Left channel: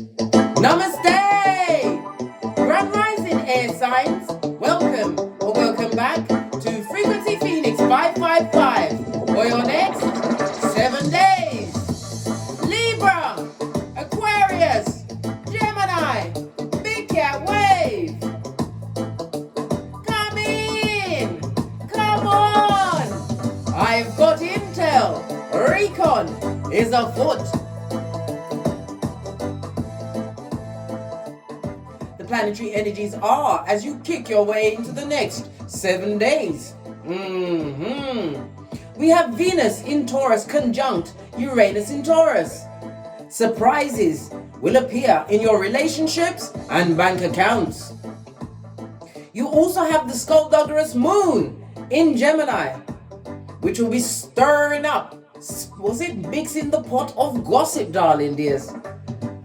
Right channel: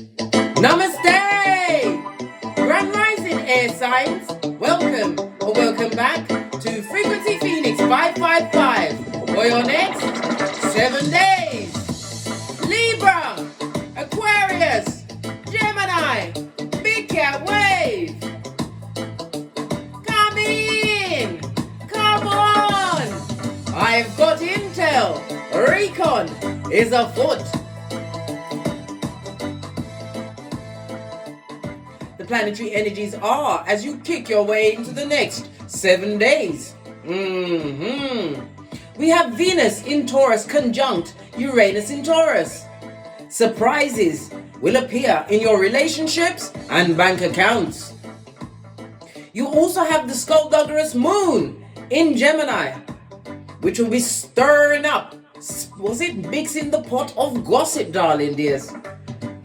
Namaste! Grand Rising Air Signs, welcome or welcome back to Frequency Phoenix 555 for your next 7 days. Libra, Aquarius, Gemini, Big Cat Wave. Come in, come on. I've got intel. Recon is afoot. Planetary energies are as you kick your way into the next 7 days. We have Venus in Taurus conjunct Uranus in Taurus. Surprises will appear in your relationships and bank accounts. You also have the skullduggerous moon in Gemini, which will be stirring up, mixing the pot of gossip, darling dears.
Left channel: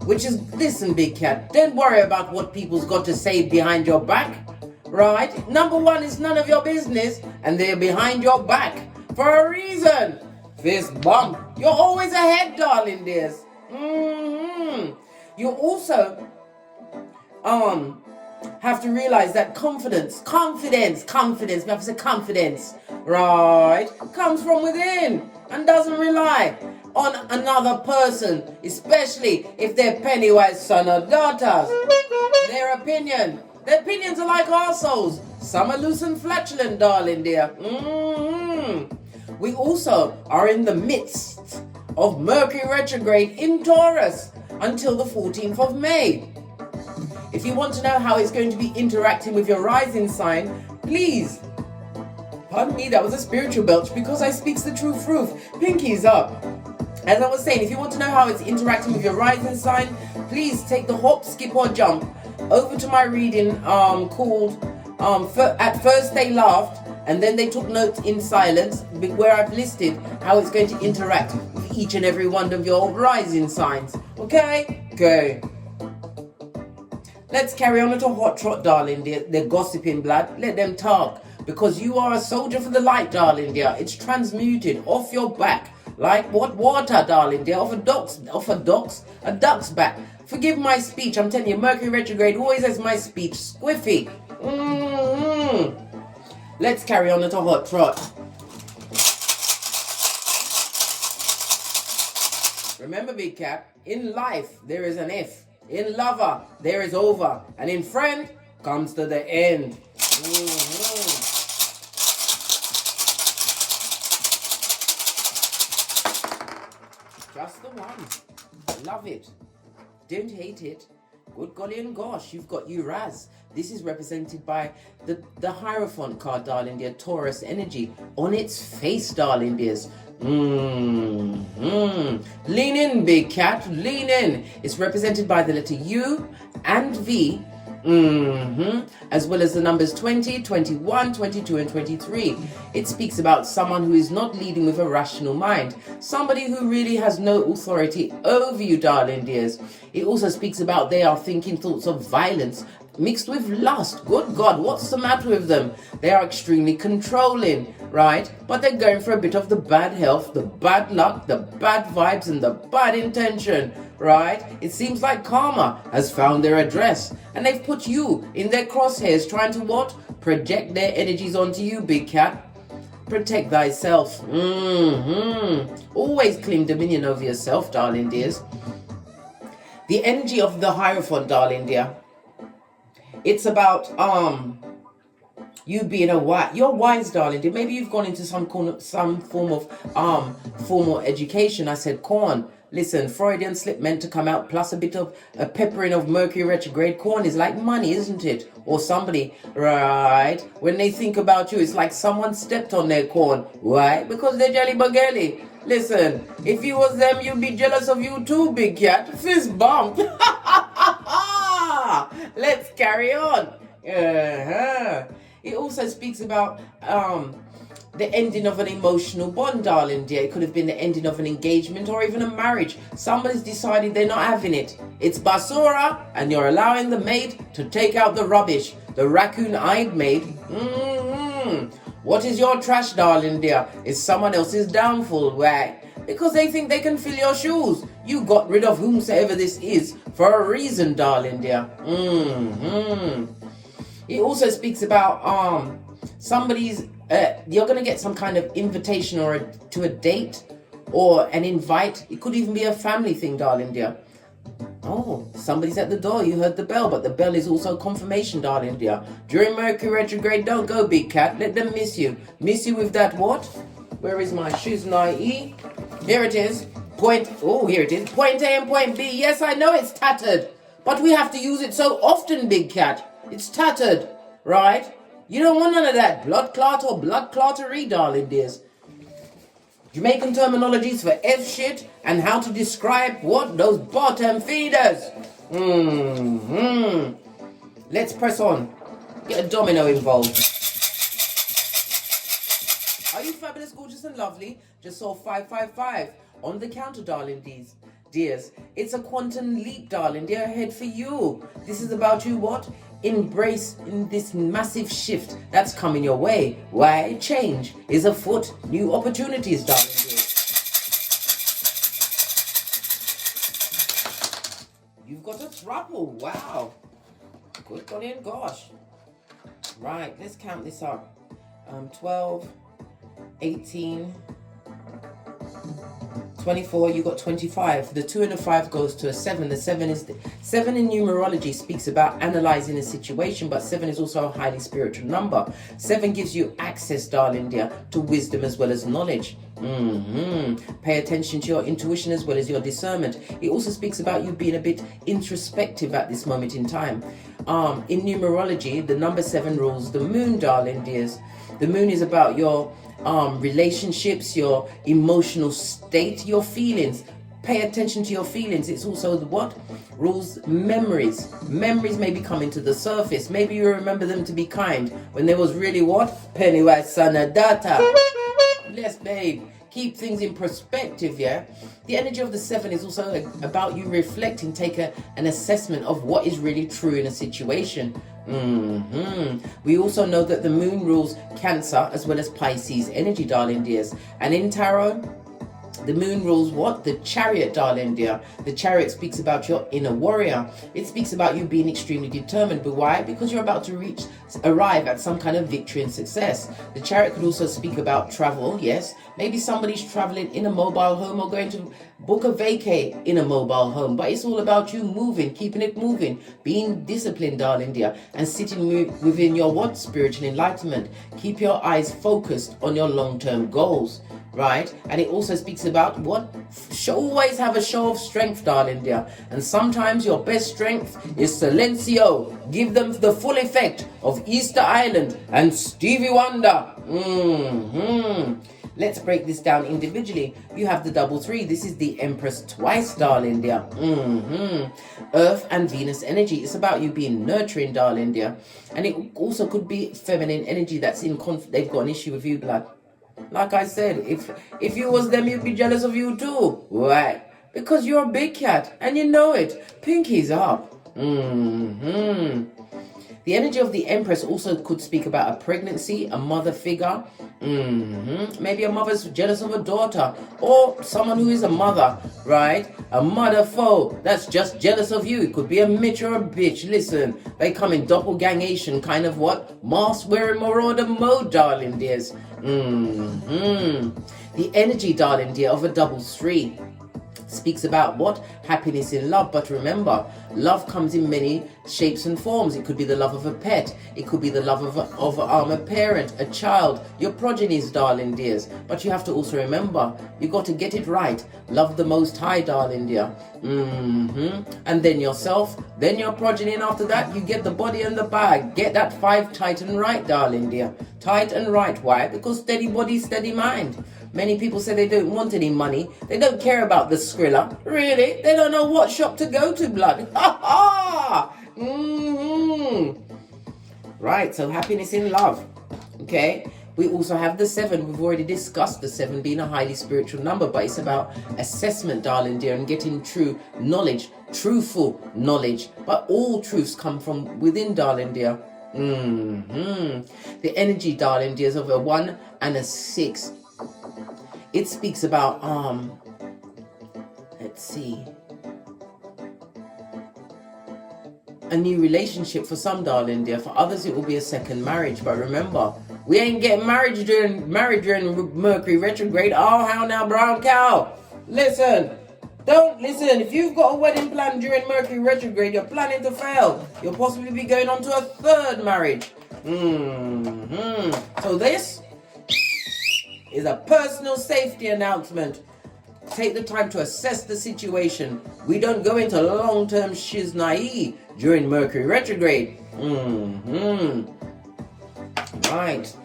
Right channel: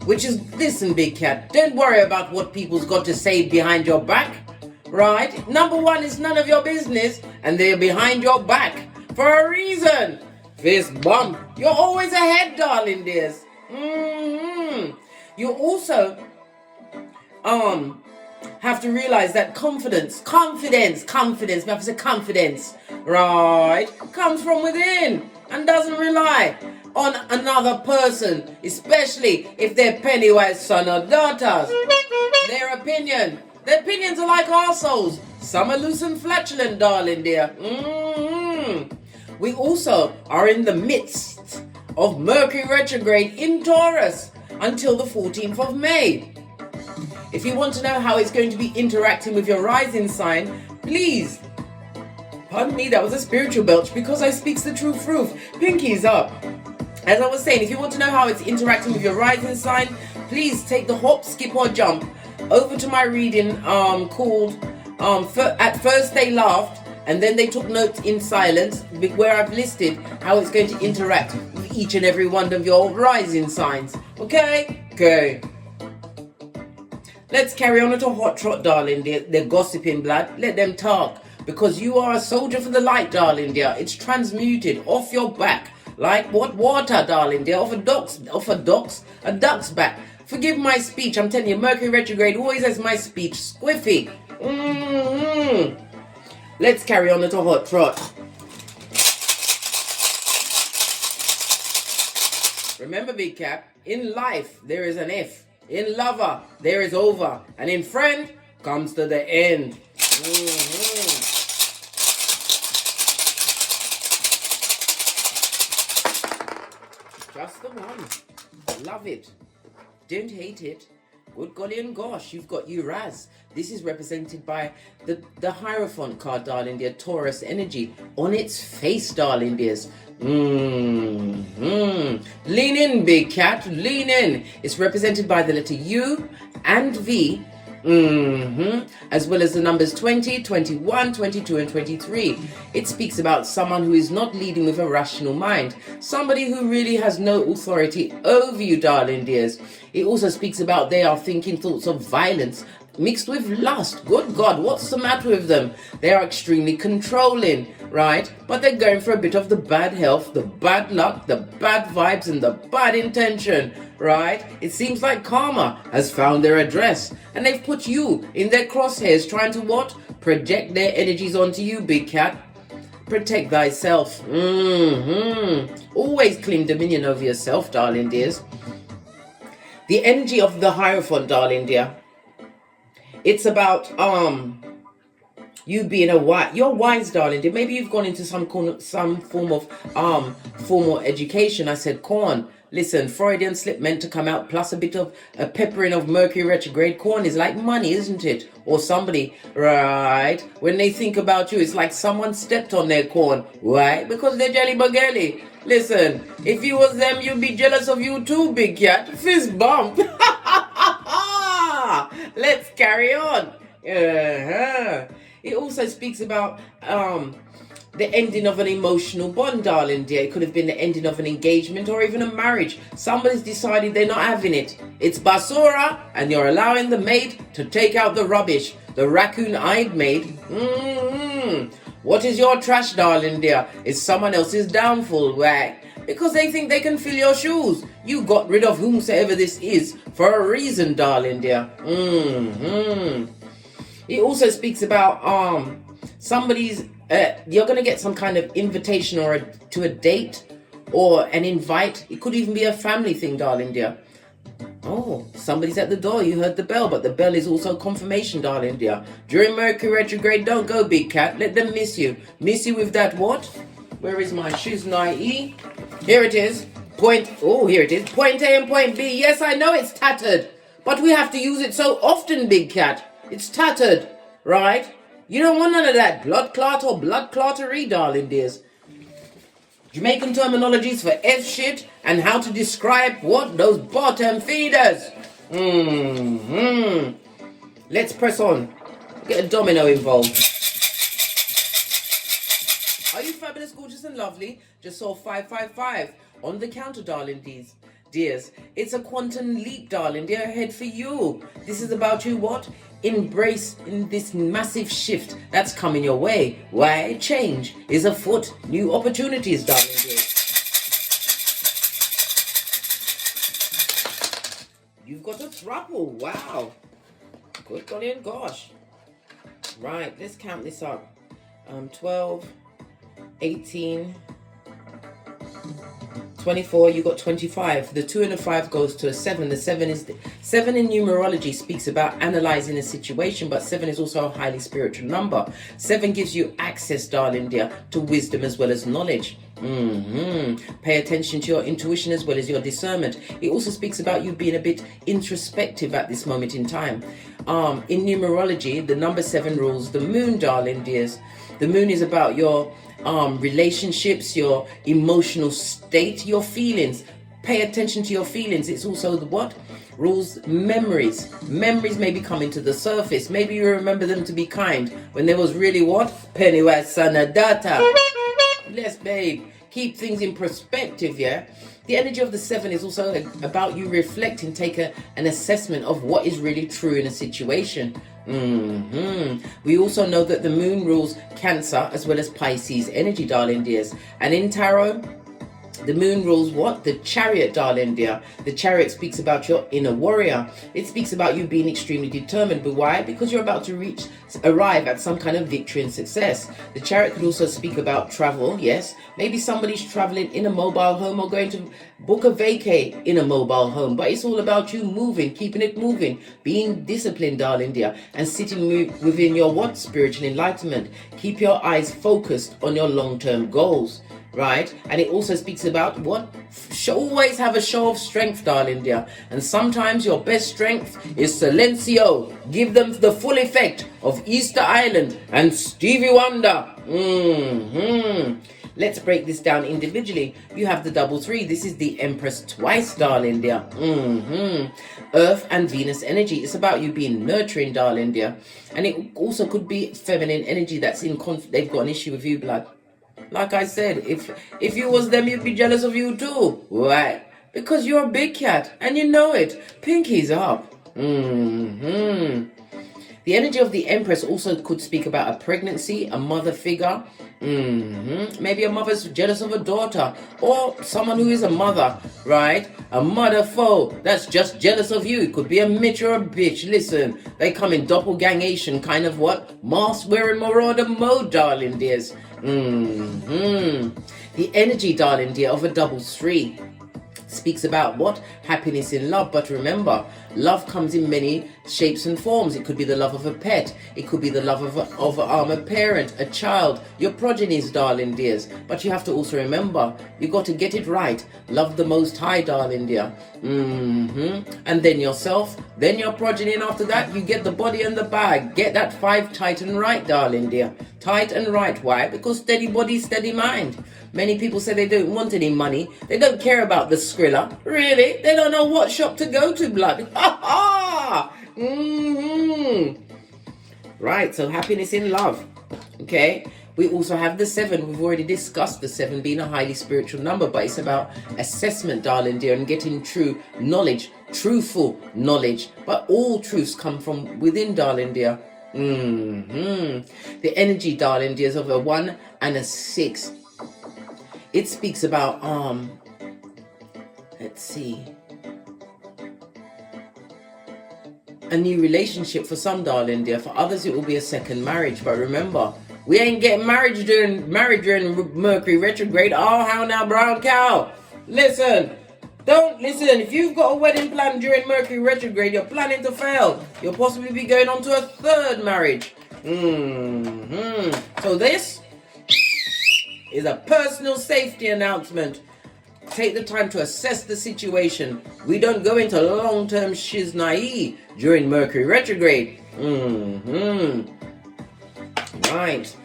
Which is, listen, big cat, don't worry about what people's got to say behind your back, right? Number one, is none of your business, and they're behind your back for a reason. Fist bump. You're always ahead, darling dears. You also have to realize that confidence, we have to say confidence, right, comes from within and doesn't rely on another person, especially if they're Pennywise son or daughters. Their opinions are like our souls. Some are loose and flatulent, darling dear. We also are in the midst of Mercury retrograde in Taurus until the 14th of May. If you want to know how it's going to be interacting with your rising sign, please, pardon me, that was a spiritual belch because I speaks the true truth. Pinkies up. As I was saying, if you want to know how it's interacting with your rising sign, please take the hop, skip or jump over to my reading called At First They Laughed and Then They Took Notes in Silence, where I've listed how it's going to interact with each and every one of your rising signs. Okay? Okay. Let's carry on to hot trot, darling dear. They're gossiping, blood. Let them talk. Because you are a soldier for the light, darling dear. It's transmuted off your back. Like what water, darling dear, off a duck's back. Forgive my speech, I'm telling you, Mercury retrograde always has my speech squiffy. Let's carry on to hot trot. Remember, big cap, in life there is an F. In lover there is over, and in friend comes to the end. Just the one. Love it. Don't hate it. Good golly and gosh, you've got Uraz. This is represented by the Hierophant card, darling dear, Taurus energy. On its face, darling dears. Lean in, big cat. Lean in. It's represented by the letter U and V. As well as the numbers 20, 21, 22 and 23. It speaks about someone who is not leading with a rational mind. Somebody who really has no authority over you, darling dears. It also speaks about they are thinking thoughts of violence mixed with lust. Good God, what's the matter with them? They are extremely controlling, right? But they're going for a bit of the bad health, the bad luck, the bad vibes and the bad intention, right? It seems like karma has found their address and they've put you in their crosshairs trying to what? Project their energies onto you, big cat. Protect thyself. Always claim dominion over yourself, darling dears. The energy of the Hierophant, darling dear. It's about you being you're wise, darling dear. Maybe you've gone into some form of formal education. I said corn. Listen, Freudian slip meant to come out, plus a bit of a peppering of Mercury retrograde. Corn is like money, isn't it? Or somebody, right? When they think about you, it's like someone stepped on their corn. Why? Because they're jelly baggelly. Listen, if you was them, you'd be jealous of you too, big cat. Fist bump. Let's carry on. It also speaks about the ending of an emotional bond, darling dear. It could have been the ending of an engagement or even a marriage. Somebody's decided they're not having it. It's basura, and you're allowing the maid to take out the rubbish. The raccoon-eyed maid. What is your trash, darling dear? It's someone else's downfall, right? Because they think they can fill your shoes. You got rid of whomsoever this is for a reason, darling dear. It also speaks about somebody's, you're going to get some kind of invitation or to a date or an invite. It could even be a family thing, darling dear. Oh, somebody's at the door. You heard the bell, but the bell is also confirmation, darling dear. During Mercury retrograde, don't go, big cat. Let them miss you. Miss you with that what? Where is my shiznai? Here it is. Here it is. Point A and point B. Yes, I know it's tattered, but we have to use it so often, big cat. It's tattered, right? You don't want none of that blood clot or blood clottery, darling dears. Jamaican terminologies for F shit and how to describe what? Those bottom feeders. Let's press on. Get a domino involved. Are you fabulous, gorgeous and lovely? Just saw 555 on the counter, darling dears. It's a quantum leap, darling dear, ahead for you. This is about you what? Embrace in this massive shift that's coming your way. Why? Change is afoot. New opportunities, darling dear. You've got a trouble. Wow. Good on in, gosh. Right, let's count this up. 12, 18, 24, you got 25. The 2 and the 5 goes to a 7. The 7 is 7 in numerology speaks about analyzing a situation, but 7 is also a highly spiritual number. 7 gives you access, darling dear, to wisdom as well as knowledge. Pay attention to your intuition as well as your discernment. It also speaks about you being a bit introspective at this moment in time. In numerology, the number 7 rules the moon, darling dears. The moon is about your relationships, your emotional state, your feelings. Pay attention to your feelings. It's also the what? Rules memories. Memories may be coming to the surface. Maybe you remember them to be kind when there was really what? Pennywise son of data. Yes, babe. Keep things in perspective, yeah? The energy of the 7 is also about you reflecting, take an assessment of what is really true in a situation. We also know that the moon rules Cancer as well as Pisces energy, darling dears. And in tarot, the moon rules what? The Chariot, darling dear. The Chariot speaks about your inner warrior. It speaks about you being extremely determined. But why? Because you're about to arrive at some kind of victory and success. The Chariot could also speak about travel, yes. Maybe somebody's traveling in a mobile home or going to book a vacay in a mobile home. But it's all about you moving, keeping it moving, being disciplined, darling dear, and sitting within your what? Spiritual enlightenment. Keep your eyes focused on your long-term goals. Right? And it also speaks about what? Always have a show of strength, darling dear. And sometimes your best strength is silencio. Give them the full effect of Easter Island and Stevie Wonder. Let's break this down individually. You have the double 3. This is the Empress twice, darling dear. Earth and Venus energy. It's about you being nurturing, darling dear. And it also could be feminine energy that's in conflict. They've got an issue with you, blood. Like I said, if you was them, you'd be jealous of you too. Why? Because you're a big cat and you know it. Pinky's up. The energy of the Empress also could speak about a pregnancy, a mother figure. Maybe a mother's jealous of a daughter or someone who is a mother, right? A mother foe that's just jealous of you. It could be a mitch or a bitch. Listen, they come in doppelgangation, kind of what? Mask wearing marauder mode, darling dears. The energy, darling dear, of a double 3 speaks about what? Happiness in love. But remember, love comes in many shapes and forms. It could be the love of a pet. It could be the love of a parent, a child, your progenies, darling dears. But you have to also remember, you got to get it right. Love the Most High, darling dear. And then yourself, then your progeny, and after that, you get the body and the bag. Get that 5 tight and right, darling dear. Tight and right. Why? Because steady body, steady mind. Many people say they don't want any money. They don't care about the Skrilla. Really? They don't know what shop to go to, blood. Ha ha! Right, so happiness in love. Okay? We also have the 7. We've already discussed the 7 being a highly spiritual number, but it's about assessment, darling dear, and getting true knowledge, truthful knowledge. But all truths come from within, darling dear. The energy, darling dears, of a 1 and a 6. It speaks about, let's see, a new relationship for some, darling dear. For others, it will be a second marriage. But remember, we ain't getting married during Mercury retrograde. Oh, how now, brown cow? Listen. Don't listen. If you've got a wedding plan during Mercury retrograde, you're planning to fail. You'll possibly be going on to a third marriage. So this is a personal safety announcement. Take the time to assess the situation. We don't go into long-term shiznai during Mercury retrograde. Right.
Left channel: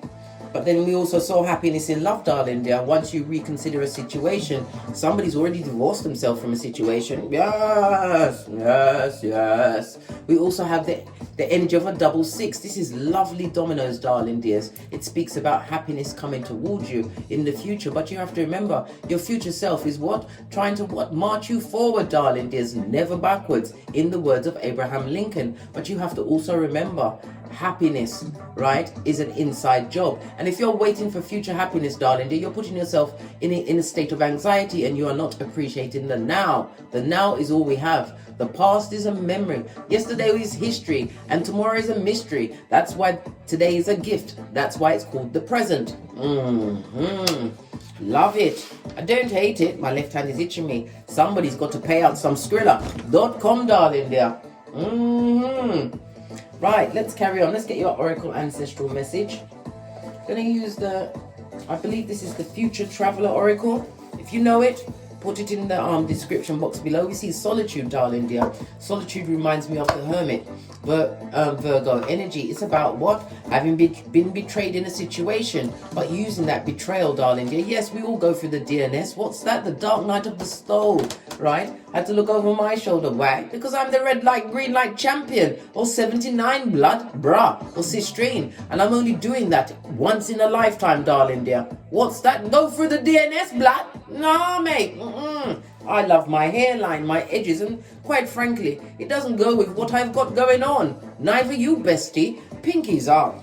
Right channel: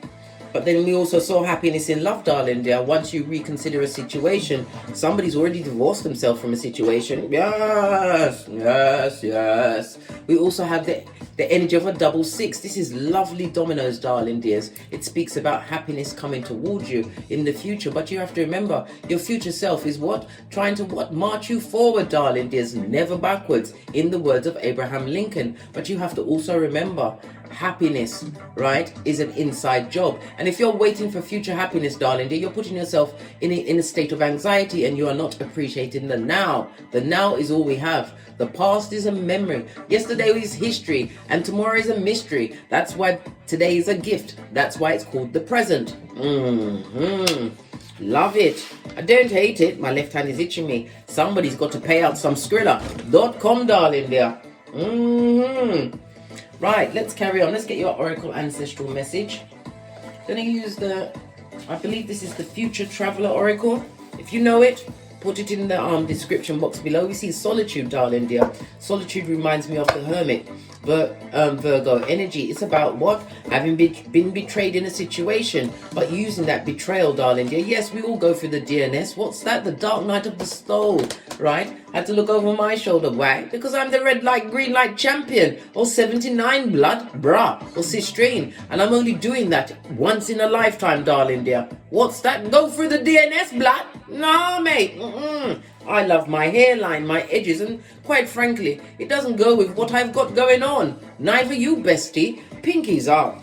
But then we also saw happiness in love, darling dear. Once you reconsider a situation, somebody's already divorced themselves from a situation. Yes, yes, yes. We also have the energy of a double six. This is lovely dominoes, darling dears. It speaks about happiness coming towards you in the future. But you have to remember, your future self is what? Trying to what? March you forward, darling dears. Never backwards, in the words of Abraham Lincoln. But you have to also remember, happiness, right, is an inside job. And if you're waiting for future happiness, darling dear, you're putting yourself in a state of anxiety, and you are not appreciating the now. The now is all we have. The past is a memory. Yesterday is history, and tomorrow is a mystery. That's why today is a gift. That's why it's called the present. Love it. I don't hate it. My left hand is itching me. Somebody's got to pay out some Skrilla.com, darling dear. Right, let's carry on. Let's get your Oracle Ancestral message. Then I use I believe this is the Future Traveler Oracle. If you know it, put it in the description box below. We see solitude, darling dear. Solitude reminds me of the Hermit. Virgo energy. It's about what? Having been betrayed in a situation, but using that betrayal, darling dear. Yes, we all go through the DNS. What's that? The dark night of the soul, right? I had to look over my shoulder. Why? Because I'm the red light, green light champion, or 79 blood, brah, or cistrine. And I'm only doing that once in a lifetime, darling dear. What's that? Go through the DNS, blood? No, mate. I love my hairline, my edges, and quite frankly, it doesn't go with what I've got going on. Neither you, bestie. Pinkies up.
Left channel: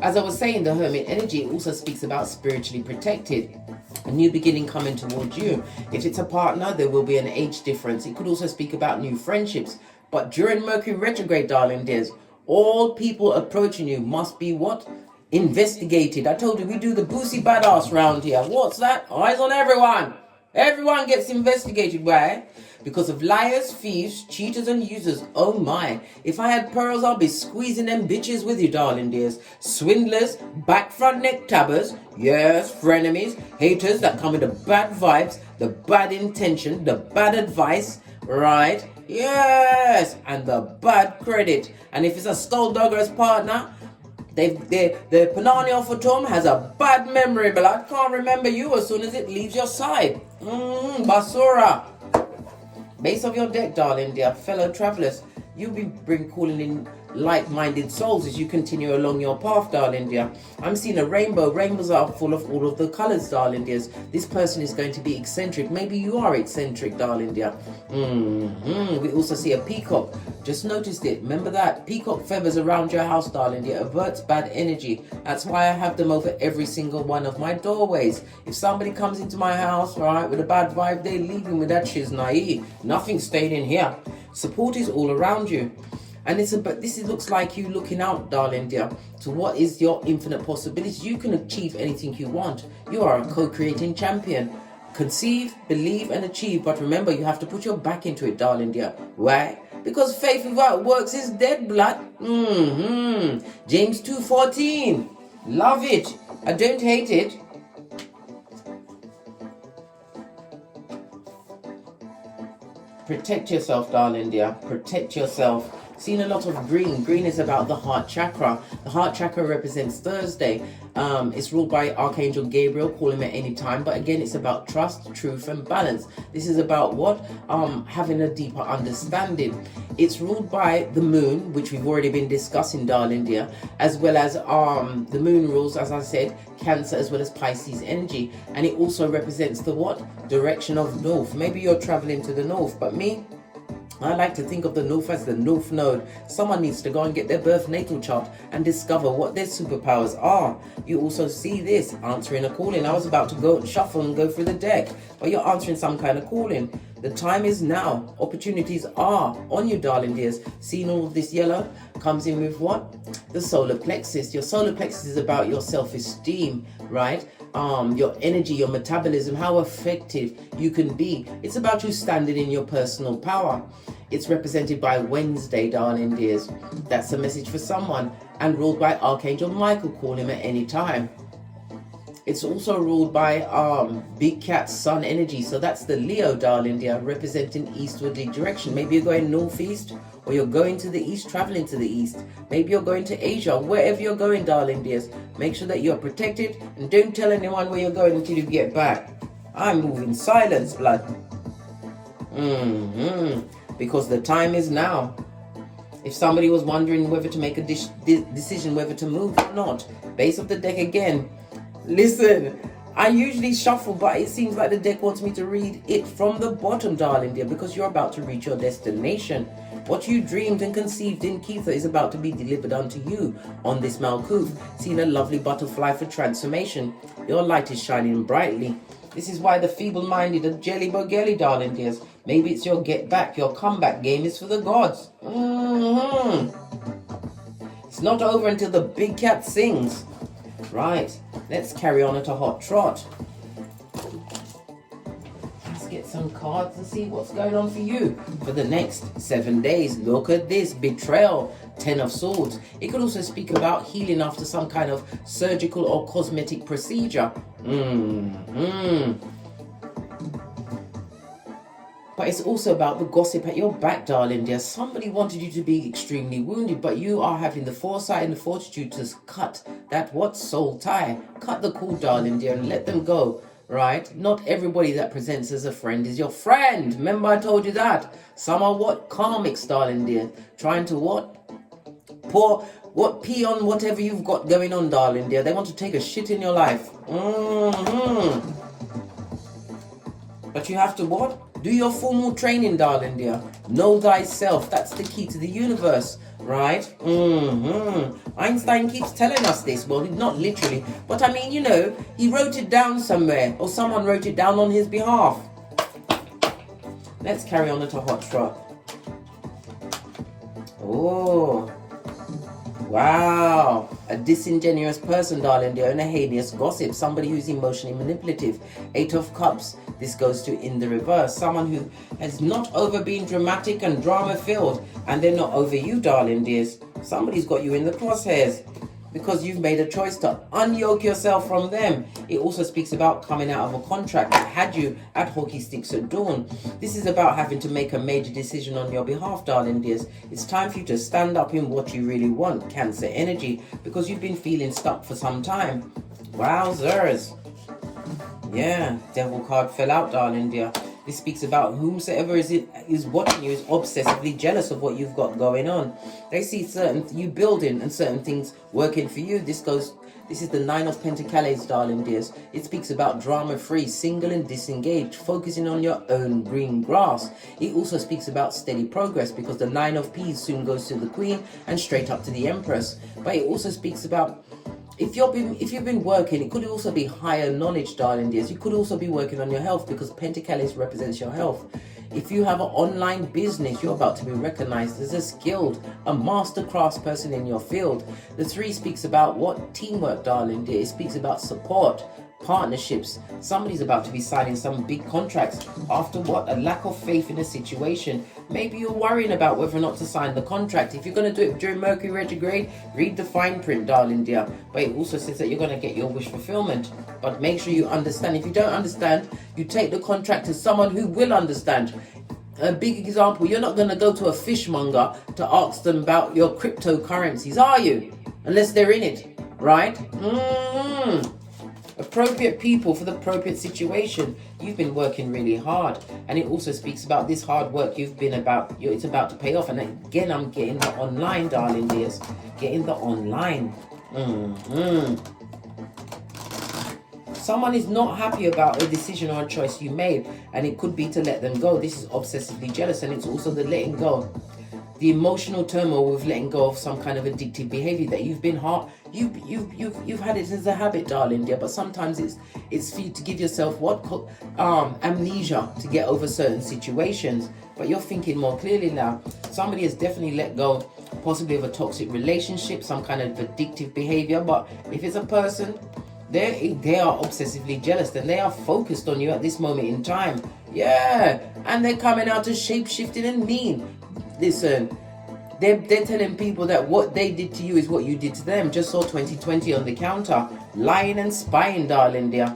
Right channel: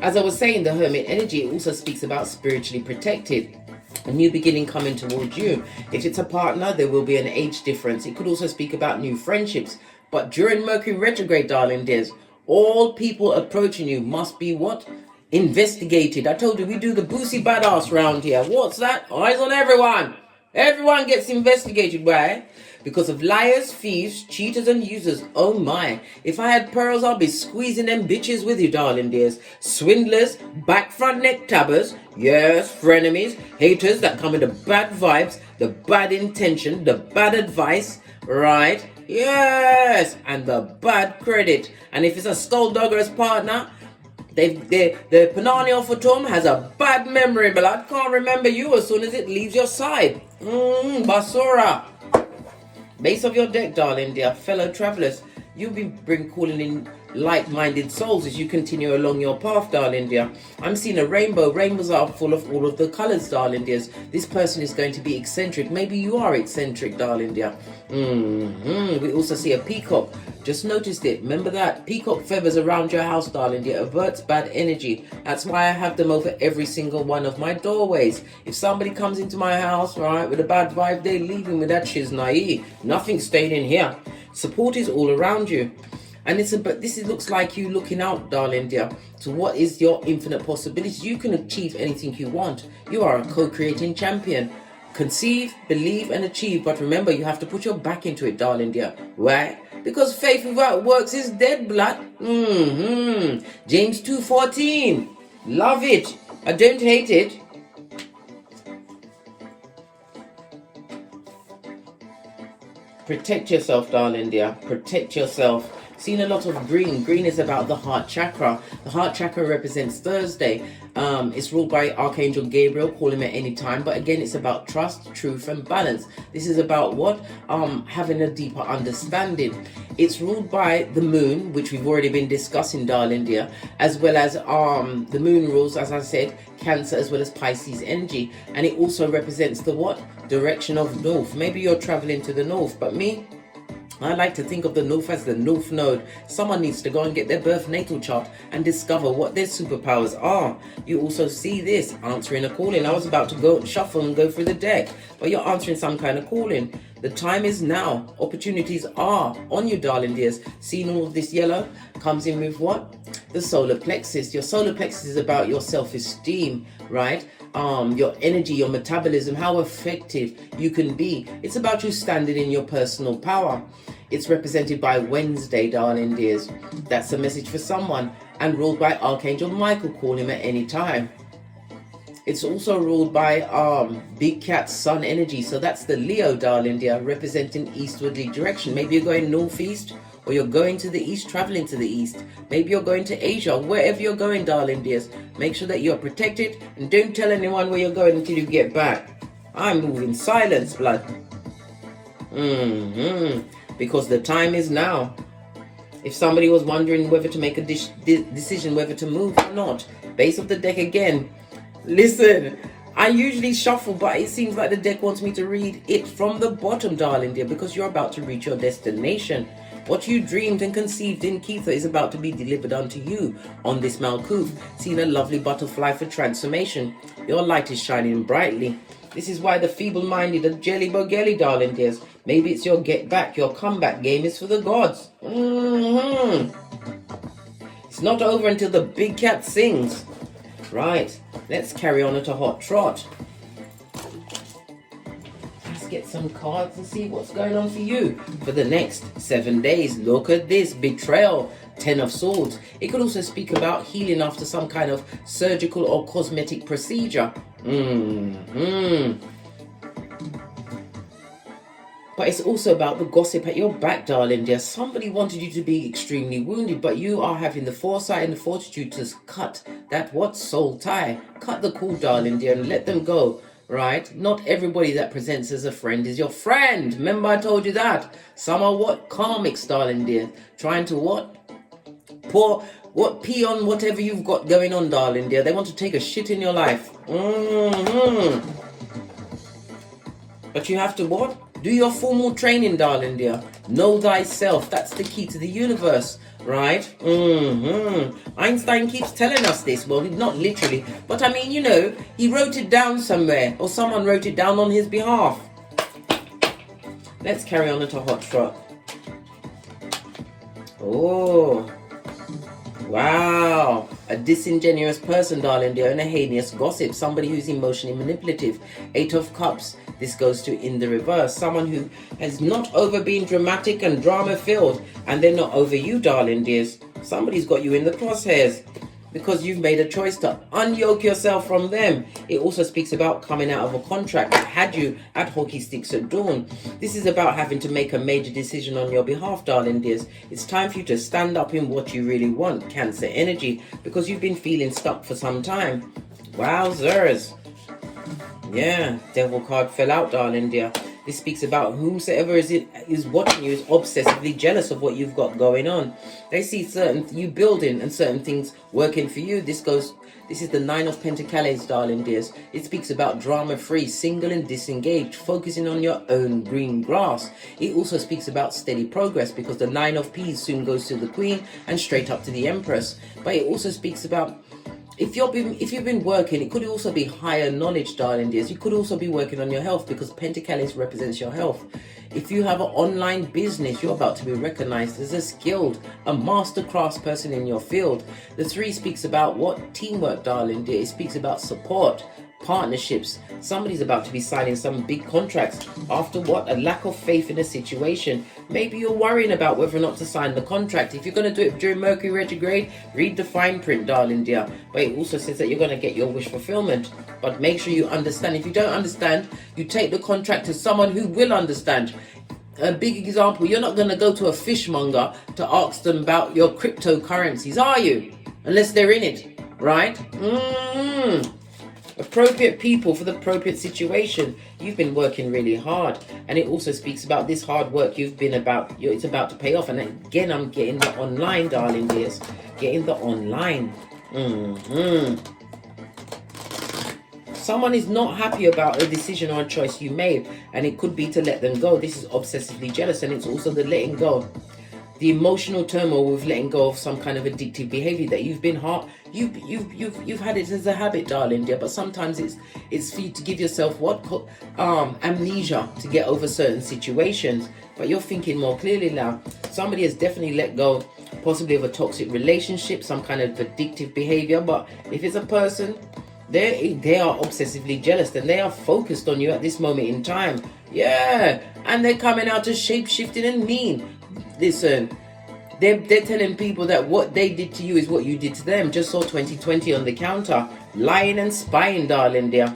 As I was saying, the Hermit energy also speaks about spiritually protected. A new beginning coming towards you. If it's a partner, there will be an age difference. It could also speak about new friendships. But during Mercury retrograde, darling dears, all people approaching you must be what? Investigated. I told you we do the boosie badass round here. What's that? Eyes on everyone. Everyone gets investigated. Why? Because of liars, thieves, cheaters, and users. Oh my. If I had pearls, I'd be squeezing them bitches with you, darling dears. Swindlers, back front neck tabbers. Yes, frenemies, haters that come with the bad vibes, the bad intention, the bad advice. Right? Yes. And the bad credit. And if it's a skulldugger's partner, the Panania Fatum has a bad memory, but I can't remember you as soon as it leaves your side. Basura. Base of your deck, darling dear, fellow travelers. You'll be calling in like-minded souls as you continue along your path, darling dear. I'm seeing a rainbow. Rainbows are full of all of the colors, darling dears. This person is going to be eccentric. Maybe you are eccentric, darling dear. We also see a peacock. Just noticed it. Remember that? Peacock feathers around your house, darling dear, averts bad energy. That's why I have them over every single one of my doorways. If somebody comes into my house, right, with a bad vibe, they're leaving with that shiznai. Nothing stayed in here. Support is all around you. And this looks like you looking out, darling dear, to what is your infinite possibilities. You can achieve anything you want. You are a co-creating champion. Conceive, believe, and achieve. But remember, you have to put your back into it, darling dear. Why? Because faith without works is dead, blood. James 2:14. Love it. I don't hate it. Protect yourself, darling dear. Protect yourself. Seen a lot of green. Green is about the heart chakra. The heart chakra represents Thursday. It's ruled by Archangel Gabriel. Call him at any time. But again, it's about trust, truth, and balance. This is about what? Having a deeper understanding. It's ruled by the moon, which we've already been discussing, darling dear, as well as the moon rules, as I said, Cancer as well as Pisces energy. And it also represents the what? Direction of north. Maybe you're traveling to the north, but me, I like to think of the North as the North Node. Someone needs to go and get their birth natal chart and discover what their superpowers are. You also see this, answering a calling. I was about to go and shuffle and go through the deck, but you're answering some kind of calling. The time is now. Opportunities are on you, darling dears. Seeing all of this yellow comes in with what? The solar plexus. Your solar plexus is about your self-esteem, right? Your energy, your metabolism, how effective you can be. It's about you standing in your personal power. It's represented by Wednesday, darling dears. That's a message for someone, and ruled by Archangel Michael. Call him at any time. It's also ruled by Big Cat Sun energy. So that's the Leo, darling dear, representing eastwardly direction. Maybe you're going northeast, or you're going to the east, traveling to the east. Maybe you're going to Asia. Wherever you're going, darling dears, make sure that you're protected, and don't tell anyone where you're going until you get back. I'm moving silence, blood. Because the time is now. If somebody was wondering whether to make a decision whether to move or not, base of the deck again. Listen, I usually shuffle, but it seems like the deck wants me to read it from the bottom, darling dear, because you're about to reach your destination. What you dreamed and conceived in Kether is about to be delivered unto you on this Malkuth. Seeing a lovely butterfly for transformation. Your light is shining brightly. This is why the feeble-minded are jelly-bogelly, darling dears. Maybe it's your get back, your comeback game is for the gods. It's not over until the big cat sings. Right, let's carry on at a hot trot. Let's get some cards and see what's going on for you for the next 7 days. Look at this, betrayal, 10 of swords. It could also speak about healing after some kind of surgical or cosmetic procedure. But it's also about the gossip at your back, darling dear. Somebody wanted you to be extremely wounded, but you are having the foresight and the fortitude to cut that soul tie. Cut the cord, darling dear, and let them go, right? Not everybody that presents as a friend is your friend. Remember I told you that. Some are what? Karmics, darling dear. Trying to what? Pee on whatever you've got going on, darling dear. They want to take a shit in your life. But you have to what? Do your formal training, darling dear. Know thyself. That's the key to the universe, right? Einstein keeps telling us this. Well, not literally, but I mean, you know, he wrote it down somewhere, or someone wrote it down on his behalf. Let's carry on at a hot trot. Oh, wow. A disingenuous person, darling dear, and a heinous gossip. Somebody who's emotionally manipulative. 8 of Cups. This goes to in the reverse. Someone who has not over been dramatic and drama filled, and they're not over you, darling dears. Somebody's got you in the crosshairs because you've made a choice to unyoke yourself from them. It also speaks about coming out of a contract that had you at hockey sticks at dawn. This is about having to make a major decision on your behalf, darling dears. It's time for you to stand up in what you really want, Cancer energy, because you've been feeling stuck for some time. Wowzers. Yeah, Devil card fell out, darling dear. This speaks about whomsoever is watching you is obsessively jealous of what you've got going on. They see you building and certain things working for you. This is the 9 of Pentacles, darling dears. It speaks about drama-free, single and disengaged, focusing on your own green grass. It also speaks about steady progress because the 9 of Peas soon goes to the Queen and straight up to the Empress. But it also speaks about if you've been working, it could also be higher knowledge, darling dears. You could also be working on your health because Pentacles represents your health. If you have an online business, you're about to be recognized as a skilled, a masterclass person in your field. The 3 speaks about what? Teamwork, darling dear. It speaks about support, partnerships. Somebody's about to be signing some big contracts after what? A lack of faith in a situation. Maybe you're worrying about whether or not to sign the contract. If you're going to do it during Mercury retrograde, read the fine print, darling dear. But it also says that you're going to get your wish fulfillment. But make sure you understand. If you don't understand, you take the contract to someone who will understand. A big example, you're not going to go to a fishmonger to ask them about your cryptocurrencies, are you? Unless they're in it, right? Appropriate people for the appropriate situation. You've been working really hard, and it also speaks about this hard work you've been about. It's about to pay off. And again, I'm getting the online, darling dears. Getting the online. Someone is not happy about a decision or a choice you made, and it could be to let them go. This is obsessively jealous, and it's also the letting go. The emotional turmoil with letting go of some kind of addictive behavior that you've been you've had it as a habit, darling dear. But sometimes it's for you to give yourself amnesia to get over certain situations. But you're thinking more clearly now. Somebody has definitely let go, possibly of a toxic relationship, some kind of addictive behavior. But if it's a person, they are obsessively jealous, and they are focused on you at this moment in time. Yeah, and they're coming out as shape-shifting and mean. Listen, they're telling people that what they did to you is what you did to them. Just saw 2020 on the counter. Lying and spying, darling dear.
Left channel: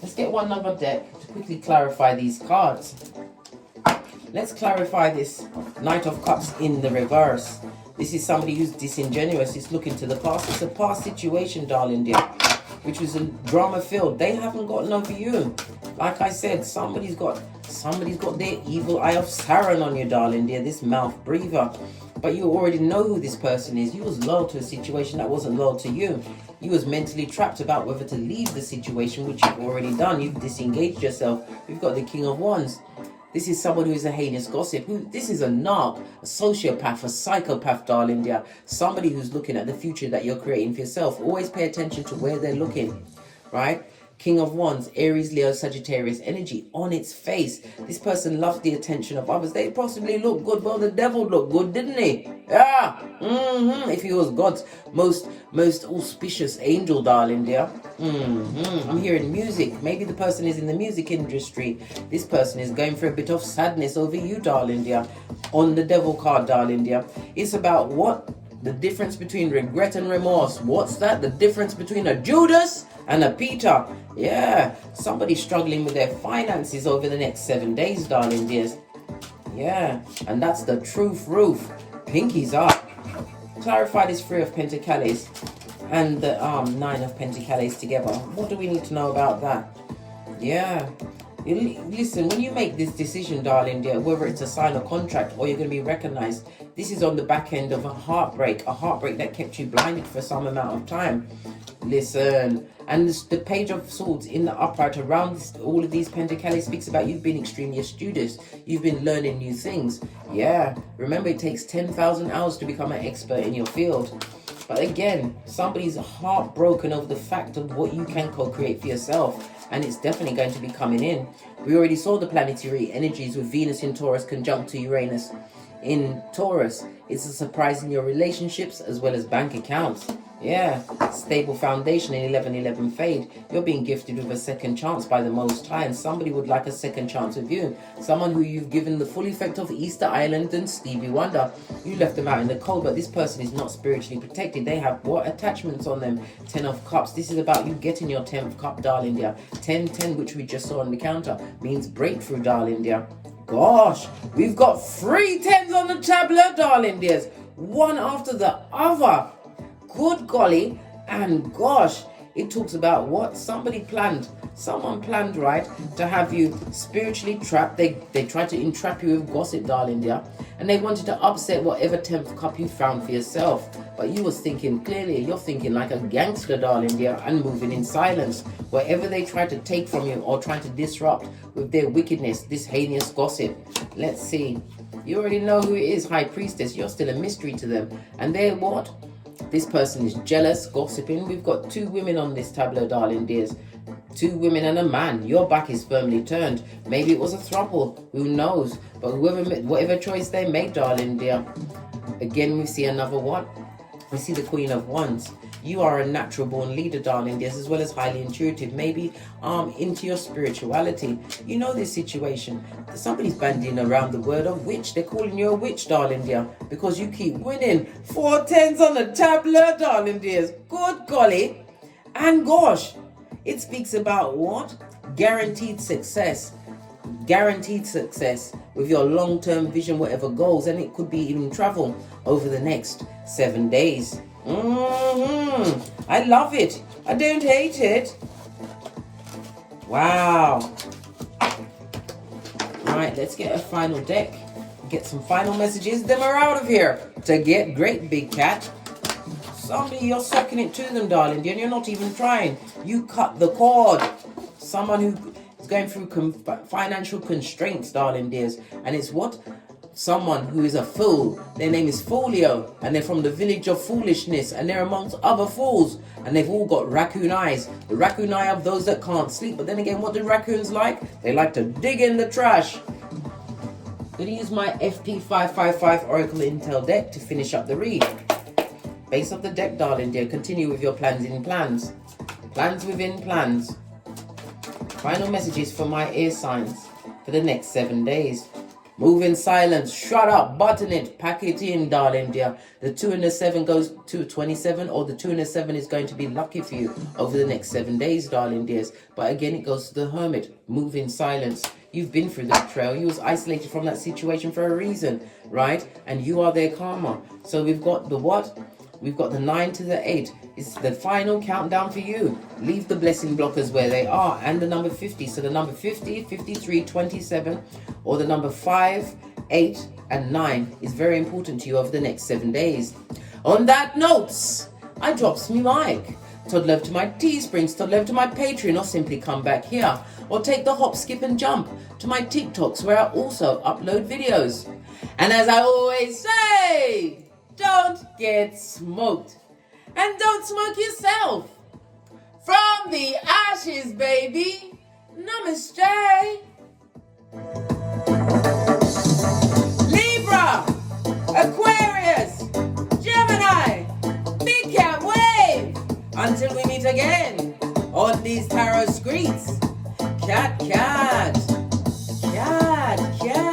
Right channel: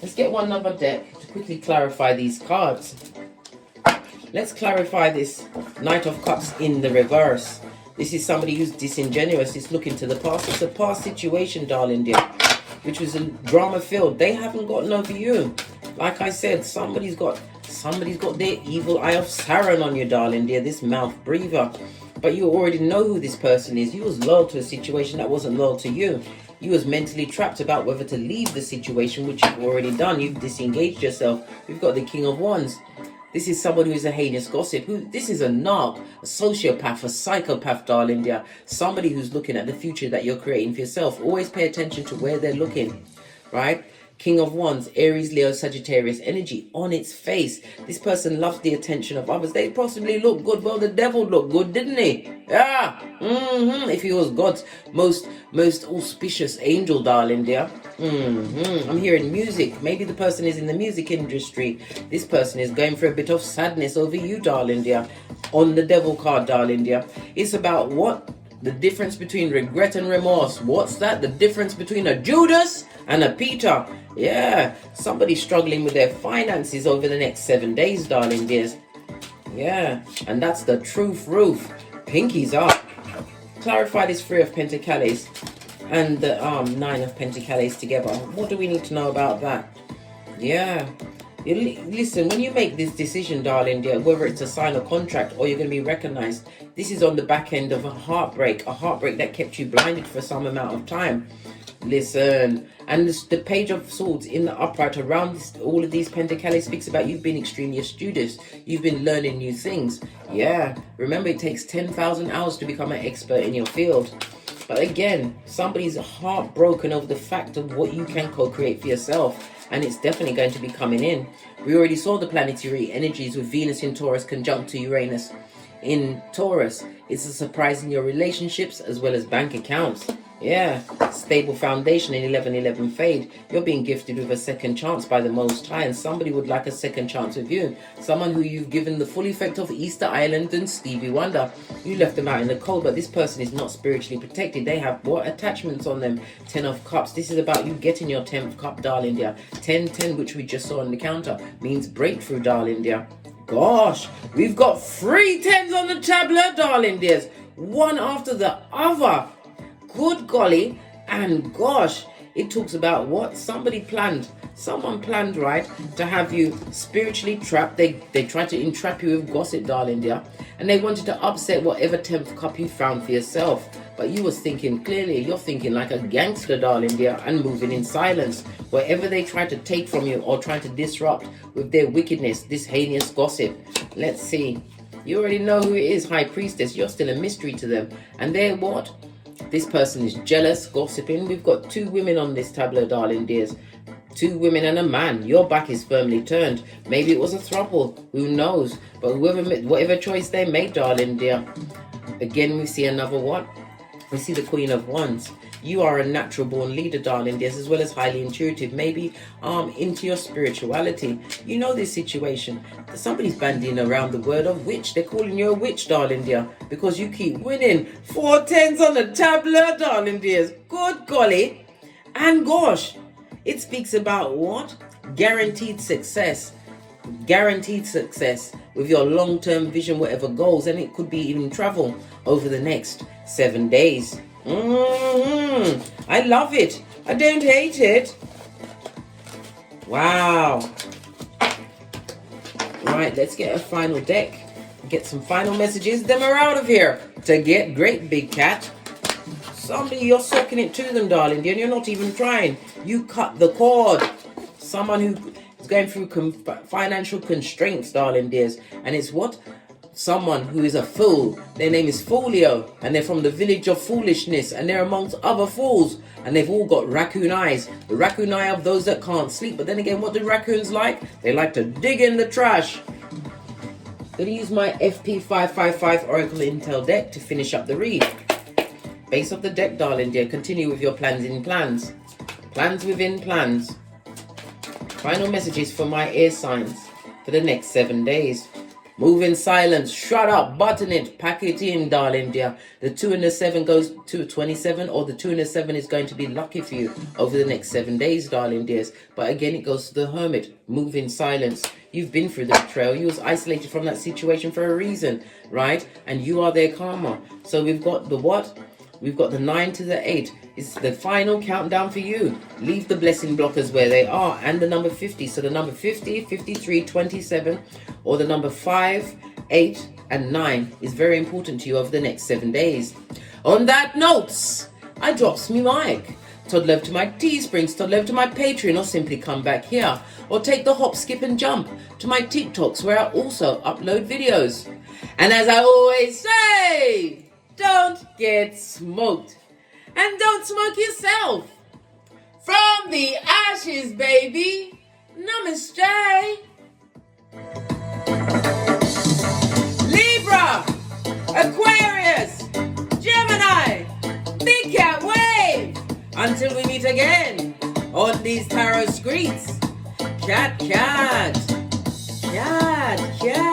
Let's get one other deck to quickly clarify these cards. Let's clarify this Knight of Cups in the reverse. This is somebody who's disingenuous. It's looking to the past. It's a past situation, darling dear, which was a drama filled. They haven't gotten over you. Like I said, somebody's got their evil eye of Sauron on you, darling dear, this mouth breather. But you already know who this person is. You was loyal to a situation that wasn't loyal to you. You was mentally trapped about whether to leave the situation, which you've already done. You've disengaged yourself. We've got the King of Wands. This is someone who is a heinous gossip. This is a narc, a sociopath, a psychopath, darling dear. Somebody who's looking at the future that you're creating for yourself. Always pay attention to where they're looking, right? King of Wands, Aries, Leo, Sagittarius energy on its face. This person loves the attention of others. They possibly look good. Well, the devil looked good, didn't he? Yeah. If he was God's most auspicious angel, darling dear. I'm hearing music. Maybe the person is in the music industry. This person is going through a bit of sadness over you, darling dear. On the devil card, darling dear. It's about what? The difference between regret and remorse. What's that? The difference between a Judas and a Peter. Yeah, somebody struggling with their finances over the next 7 days, darling dears. Yeah, and that's the truth roof. Pinkies up. Clarify this 3 of Pentacles and the 9 of Pentacles together. What do we need to know about that? Yeah. Listen, when you make this decision, darling dear, whether it's to sign a contract or you're going to be recognized, this is on the back end of a heartbreak that kept you blinded for some amount of time. Listen, and the Page of Swords in the upright around all of these Pentacles speaks about you've been extremely astucious. You've been learning new things. Yeah, remember it takes 10,000 hours to become an expert in your field. But again, somebody's heartbroken over the fact of what you can co-create for yourself. And it's definitely going to be coming in. We already saw the planetary energies with Venus in Taurus conjunct to Uranus in Taurus. It's a surprise in your relationships as well as bank accounts. Yeah, stable foundation in 11-11 fade. You're being gifted with a second chance by the Most High, and somebody would like a second chance with you. Someone who you've given the full effect of Easter Island and Stevie Wonder. You left them out in the cold, but this person is not spiritually protected. They have what? Attachments on them. 10 of Cups. This is about you getting your 10th cup, darling dear. 10, which we just saw on the counter, means breakthrough, darling dear. Gosh, we've got 3 10s on the tableau, darling dears. One after the other. Good golly, and gosh, it talks about what? Someone planned, right, to have you spiritually trapped. They tried to entrap you with gossip, darling dear, and they wanted to upset whatever 10th cup you found for yourself. But you was thinking clearly. You're thinking like a gangster, darling dear, and moving in silence. Whatever they try to take from you or try to disrupt with their wickedness, this heinous gossip. Let's see. You already know who it is, High Priestess. You're still a mystery to them. And they're what? This person is jealous, gossiping. We've got 2 women on this tableau, darling dears. 2 women and a man. Your back is firmly turned. Maybe it was a throuple. Who knows? But whatever choice they made, darling dear. Again, we see another what? We see the Queen of Wands. You are a natural born leader, darling dears, as well as highly intuitive, maybe into your spirituality. You know this situation. Somebody's bandying around the word of witch. They're calling you a witch, darling dear, because you keep winning. 4 10s on the tableau, darling dears. Good golly. And gosh, it speaks about what? Guaranteed success. Guaranteed success with your long-term vision, whatever goals, and it could be even travel over the next 7 days. I love it. I don't hate it. Wow. Alright, let's get a final deck. Get some final messages. Then we're out of here to get great big cat. Somebody, you're sucking it to them, darling, and you're not even trying. You cut the cord. Someone who is going through financial constraints, darling dears. And it's what? Someone who is a fool. Their name is Folio, and they're from the village of foolishness, and they're amongst other fools. And they've all got raccoon eyes. The raccoon eye of those that can't sleep. But then again, what do raccoons like? They like to dig in the trash. Going to use my FP555 Oracle Intel deck to finish up the read. Base of the deck, darling dear. Continue with your plans in plans. Plans within plans. Final messages for my air signs for the next 7 days. Move in silence. Shut up. Button it. Pack it in, darling dear. The 2 and the 7 goes to 27, or the 2 and the 7 is going to be lucky for you over the next 7 days, darling dears. But again, it goes to the Hermit. Move in silence. You've been through the betrayal. You was isolated from that situation for a reason, right? And you are their karma. So we've got the what? We've got the 9 to the 8. It's the final countdown for you. Leave the blessing blockers where they are. And the number 50. So the number 50, 53, 27, or the number 5, 8, and 9 is very important to you over the next 7 days. On that note, I drops me mic. Toddle over to my Teesprings, toddle over to my Patreon, or simply come back here. Or take the hop, skip, and jump to my TikToks, where I also upload videos. And as I always say, don't get smoked. And don't smoke yourself. From the ashes, baby. Namaste. Libra, Aquarius, Gemini, Big Cat Wave. Until we meet again on these tarot streets. Chat, chat. Chat, chat.